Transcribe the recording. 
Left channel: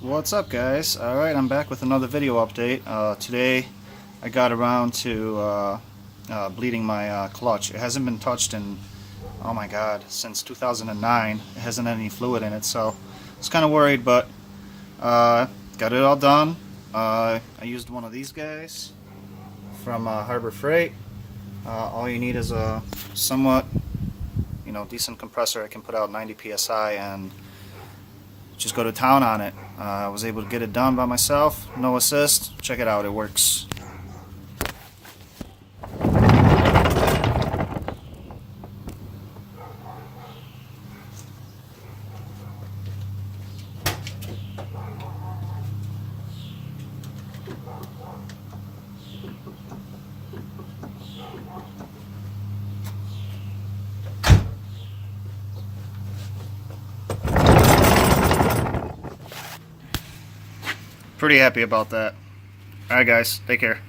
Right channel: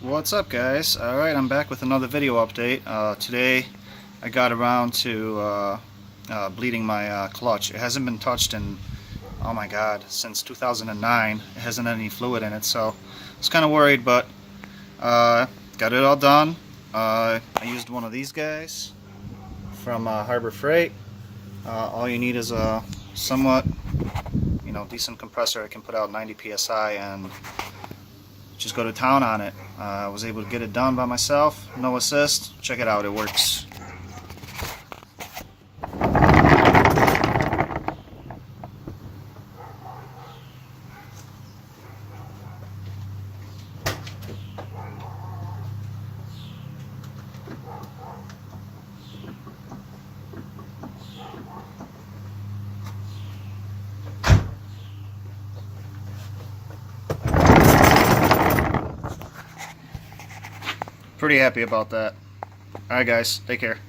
What's up, guys? Alright, I'm back with another video update. Today I got around to bleeding my clutch. It hasn't been touched in, oh my god, since 2009. It hasn't had any fluid in it, so I was kind of worried, but got it all done. I used one of these guys from Harbor Freight. All you need is a somewhat, decent compressor. I can put out 90 psi and just go to town on it. I was able to get it done by myself, no assist. Check it out, it works. Pretty happy about that. Alright guys, take care.